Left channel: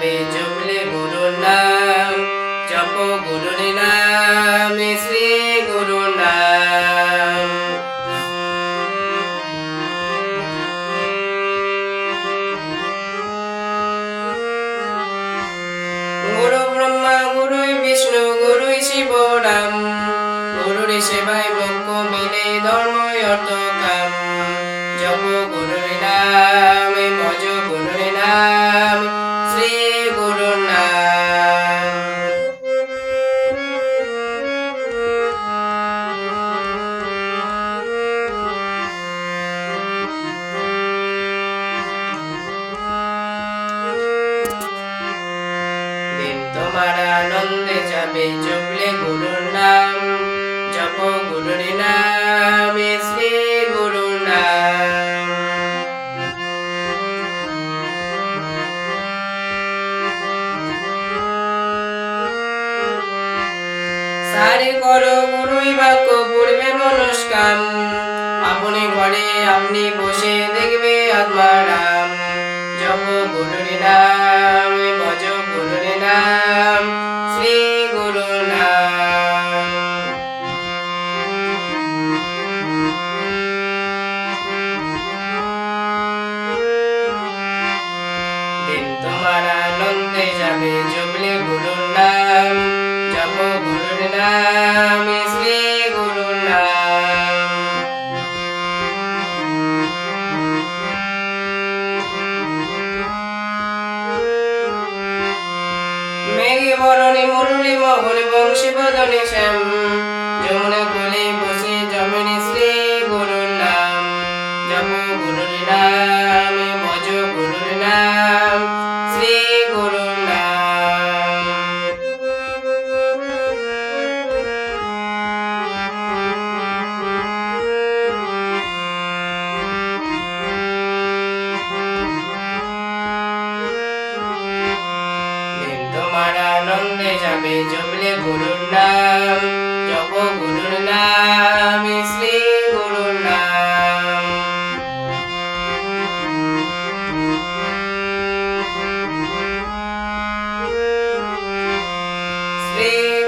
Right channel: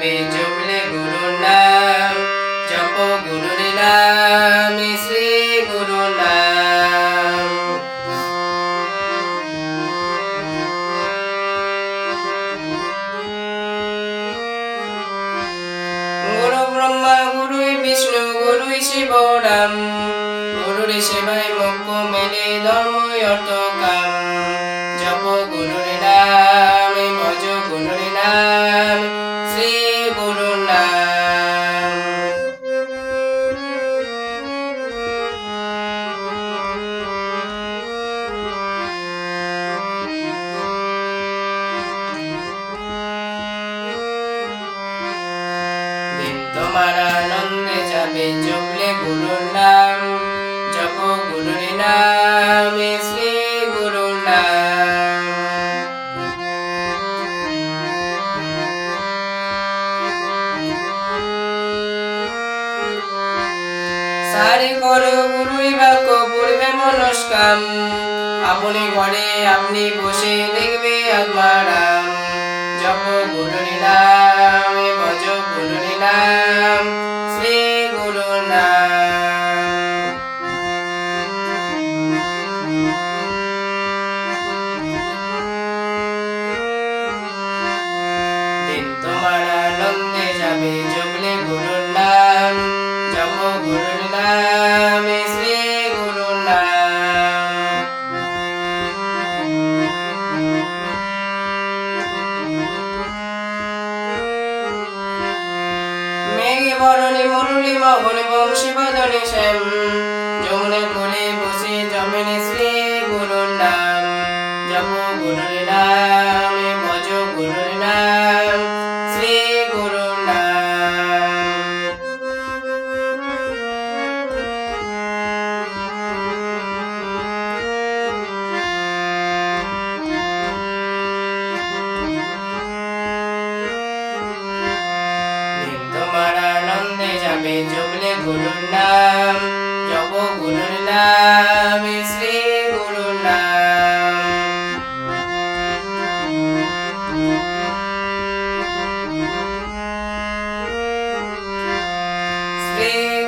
যাবে জপলে গুরুর নাম, জপ গুরুর নাম, শ্রী গুরু নাম। গুরু ব্রহ্মা, গুরুই বিষ্ণু, গুরুই শিব রাম গুরুর সেবায় মুখ্য মেলে ধর্ম অর্থ কাম। জপ গুরুর নাম, ভজ গুরুর নাম, শ্রী তোমার আনন্দে যাবে জপলে গুরুর নাম, জপ গুরুর নাম শ্রী গুরু নাম। সারে করো গুরুই বাক্য, পূর্বে মনস্কাম। আপনি ঘরে, আপনি বসে দেখবে আত্মারাম। জপ গুরুর নাম যাবে জপলে গুরুর নাম জপ গুরুর নাম, শ্রী গুরু নাম। মেঘে বরণে মুরলি মহলে বংশী বদনে শ্যাম, যমুনা কোলে বসে জমিনে তোমার আনন্দে যাবে জমলে গুরুর নাম জপ গুরুর নাম শ্রী গুরুর নাম। শ্রী